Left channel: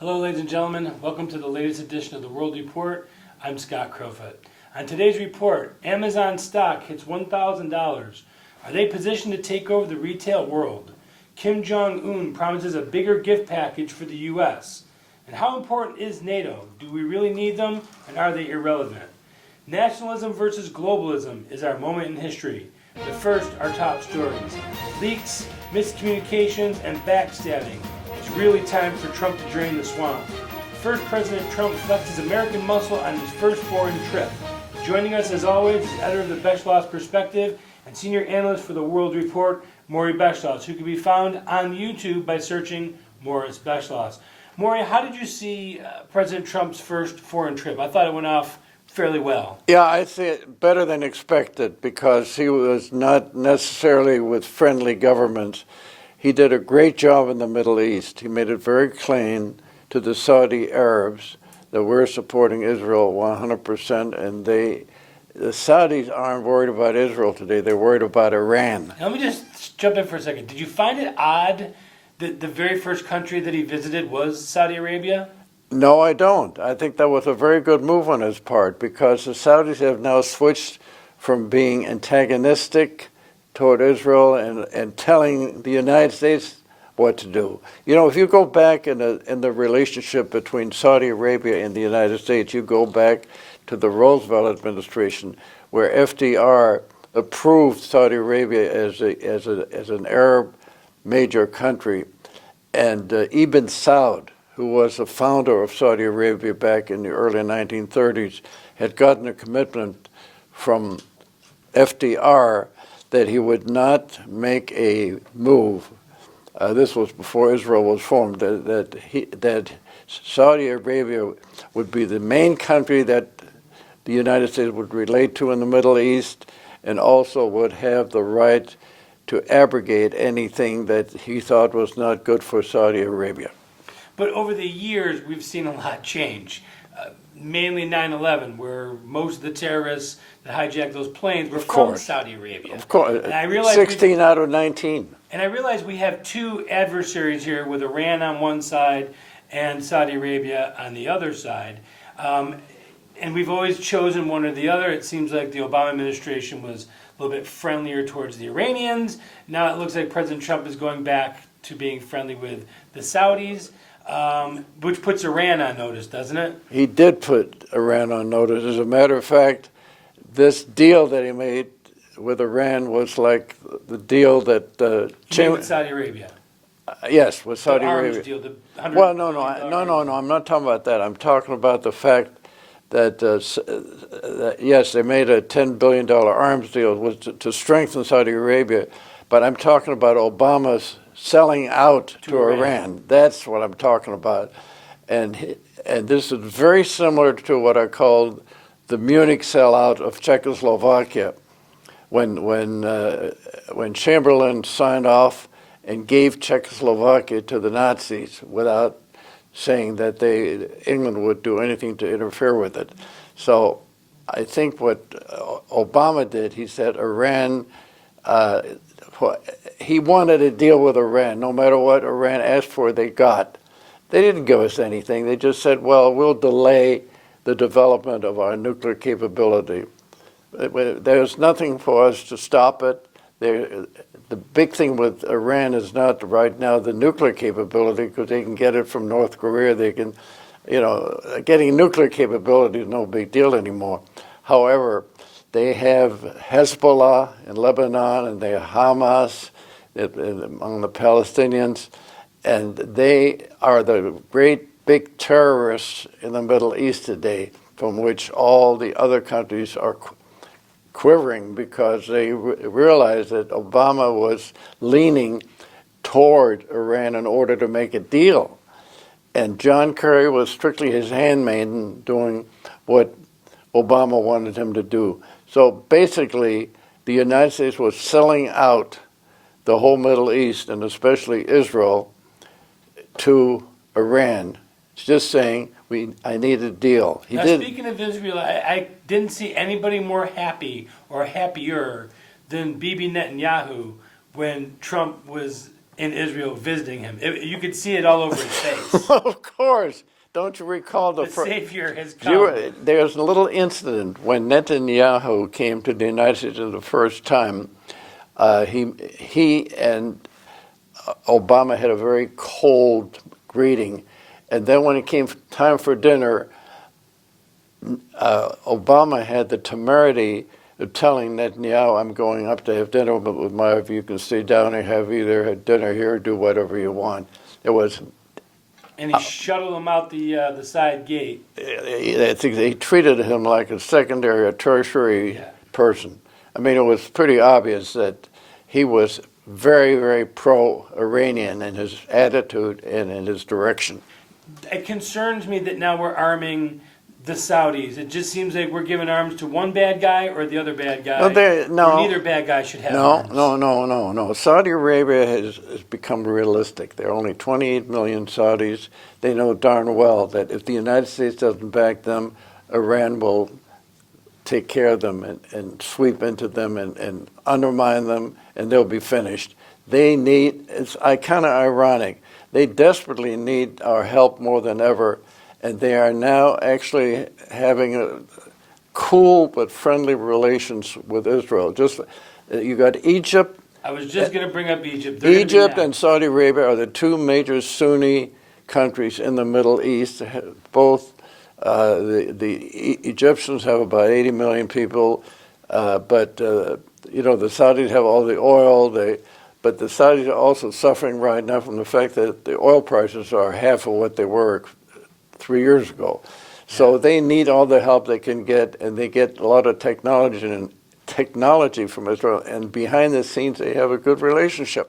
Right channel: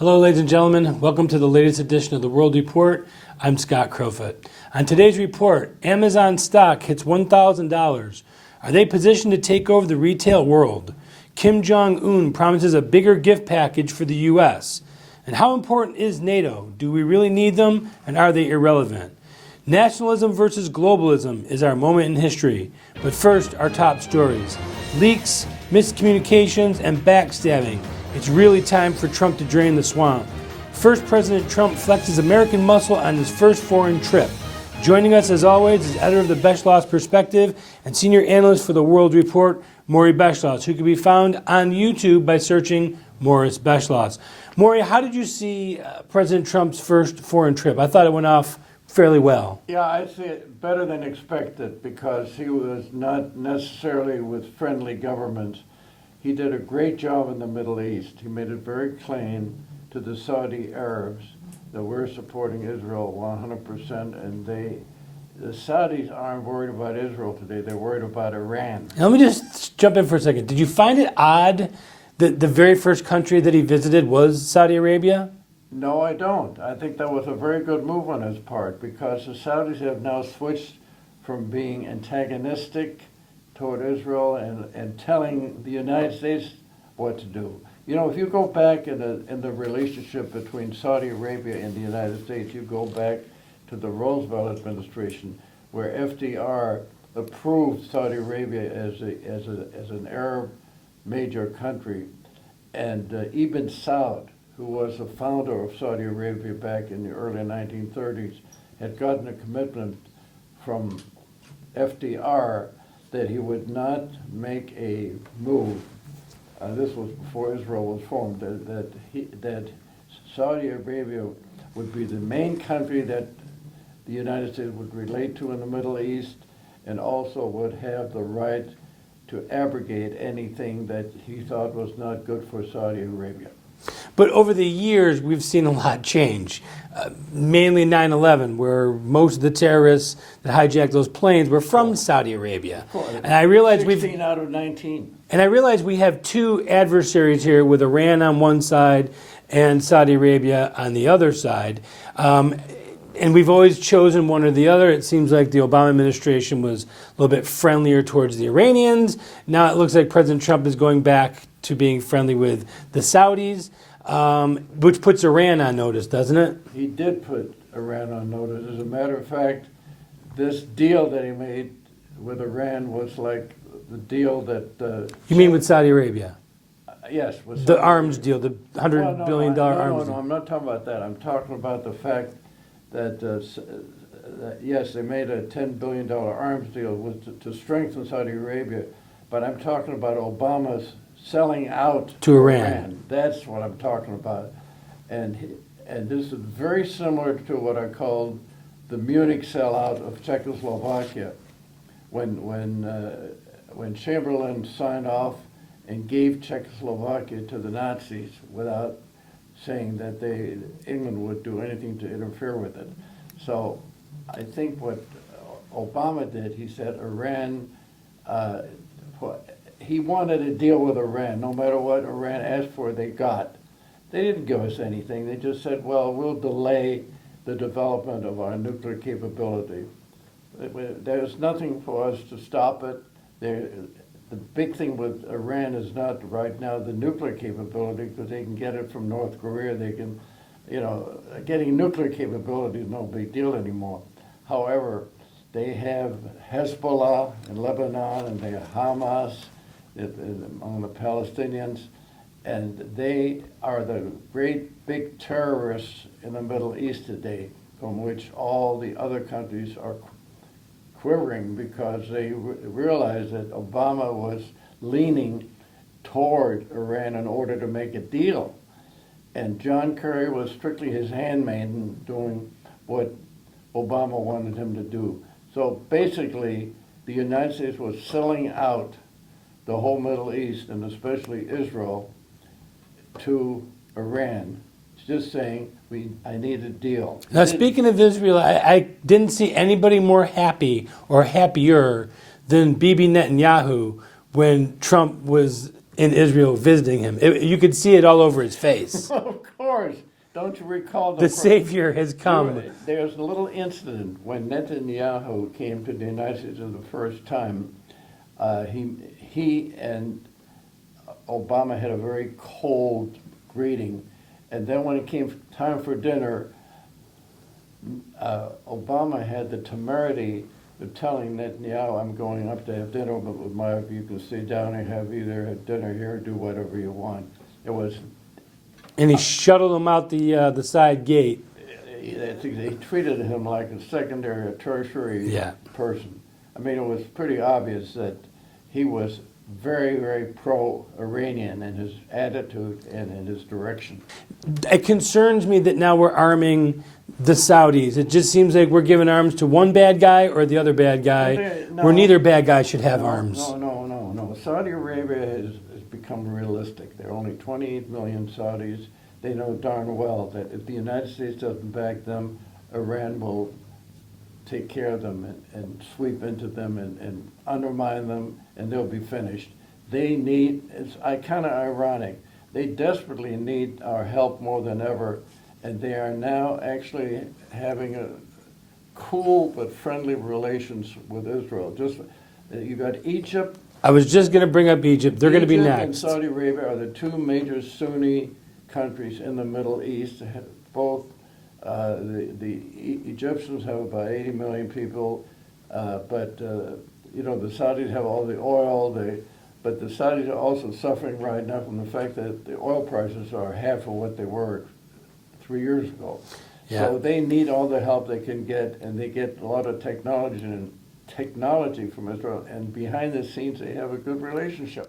Hello, ladies and gentlemen. Welcome to the latest edition of the World Report. I'm Scott Crowfoot. On today's report, Amazon stock hits $1,000. Are they positioned to take over the retail world? Kim Jong-un promises a bigger gift package for the U.S. And how important is NATO? Do we really need them, and are they irrelevant? Nationalism versus globalism is our moment in history. But first, our top stories. Leaks, miscommunications, and backstabbing. It's really time for Trump to drain the swamp. First, President Trump flexes American muscle on his first foreign trip. Joining us, as always, is editor of the Beschloss Perspective and senior analyst for the World Report, Maury Beschloss, who can be found on YouTube by searching Morris Beschloss. Maury, how did you see President Trump's first foreign trip? I thought it went off fairly well. Yeah, I see it better than expected because he was not necessarily with friendly governments. He did a great job in the Middle East. He made it very plain to the Saudi Arabs that we're supporting Israel 100%, and the Saudis aren't worried about Israel today. They're worried about Iran. Now, let me just jump in for a second. Did you find it odd that the very first country that he visited was Saudi Arabia? No, I don't. I think that was a very good move on his part because the Saudis have now switched from being antagonistic toward Israel and telling the United States what to do. You know, if you go back in the relationship between Saudi Arabia and the United States, you go back to the Roosevelt administration, where FDR approved Saudi Arabia as an Arab major country, and Ibn Saud, who was the founder of Saudi Arabia back in the early 1930s, had gotten a commitment from FDR that he would not make a move. This was before Israel was formed. That Saudi Arabia would be the main country that the United States would relate to in the Middle East, and also would have the right to abrogate anything that he thought was not good for Saudi Arabia. But over the years, we've seen a lot change. Mainly 9/11, where most of the terrorists that hijacked those planes were from Saudi Arabia. Of course. And I realize 16 out of 19. And I realize we have two adversaries here with Iran on one side and Saudi Arabia on the other side. And we've always chosen one or the other. It seems like the Obama administration was a little bit friendlier towards the Iranians. Now it looks like President Trump is going back to being friendly with the Saudis. Which puts Iran on notice, doesn't it? He did put Iran on notice. As a matter of fact, this deal that he made with Iran was like the deal that... You mean with Saudi Arabia? Yes, with Saudi Arabia. The arms deal, the $100 billion arms No, I'm not talking about that. I'm talking about the fact that, yes, they made a $10 billion arms deal to strengthen Saudi Arabia, but I'm talking about Obama's selling out to Iran. That's what I'm talking about. And this is very similar to what I called the Munich sellout of Czechoslovakia, when Chamberlain signed off and gave Czechoslovakia to the Nazis without saying that England would do anything to interfere with it. So I think what Obama did, he said Iran, he wanted a deal with Iran. No matter what Iran asked for, they got. They didn't give us anything. They just said, well, we'll delay the development of our nuclear capability. There's nothing for us to stop it. The big thing with Iran is not right now the nuclear capability, because they can get it from North Korea. They can, getting nuclear capability is no big deal anymore. However, they have Hezbollah in Lebanon, and they have Hamas among the Palestinians, and they are the great big terrorists in the Middle East today, from which all the other countries are quivering because they realized that Obama was leaning toward Iran in order to make a deal. And John Kerry was strictly his handmaiden doing what Obama wanted him to do. So basically, the United States was selling out the whole Middle East, and especially Israel, to Iran. It's just saying, I need a deal. Now, speaking of Israel, I didn't see anybody more happy or happier than Bibi Netanyahu when Trump was in Israel visiting him. You could see it all over his face. Of course. Don't you recall The Savior has come. There's a little incident when Netanyahu came to the United States for the first time. He and Obama had a very cold greeting, and then when it came time for dinner, Obama had the temerity of telling Netanyahu, "I'm going up to have dinner with my wife. You can stay down and have either dinner here or do whatever you want." It was. And he shuttled him out the side gate. I think they treated him like a secondary or tertiary person. I mean, it was pretty obvious that he was very, very pro-Iranian in his attitude and in his direction. It concerns me that now we're arming the Saudis. It just seems like we're giving arms to one bad guy or the other bad guy, where neither bad guy should have arms. No. Saudi Arabia has become realistic. There are only 28 million Saudis. They know darn well that if the United States doesn't back them, Iran will take care of them and sweep into them and undermine them, and they'll be finished. They need, it's kind of ironic, they desperately need our help more than ever, and they are now actually having a cool but friendly relations with Israel. Just you got Egypt. I was just going to bring up Egypt. They're Egypt and Saudi Arabia are the two major Sunni countries in the Middle East. Both the Egyptians have about 80 million people, but the Saudis have all the oil. But the Saudis are also suffering right now from the fact that the oil prices are half of what they were 3 years ago. Yeah. So they need all the help they can get, and they get a lot of technology from Israel. And behind the scenes, they have a good relationship.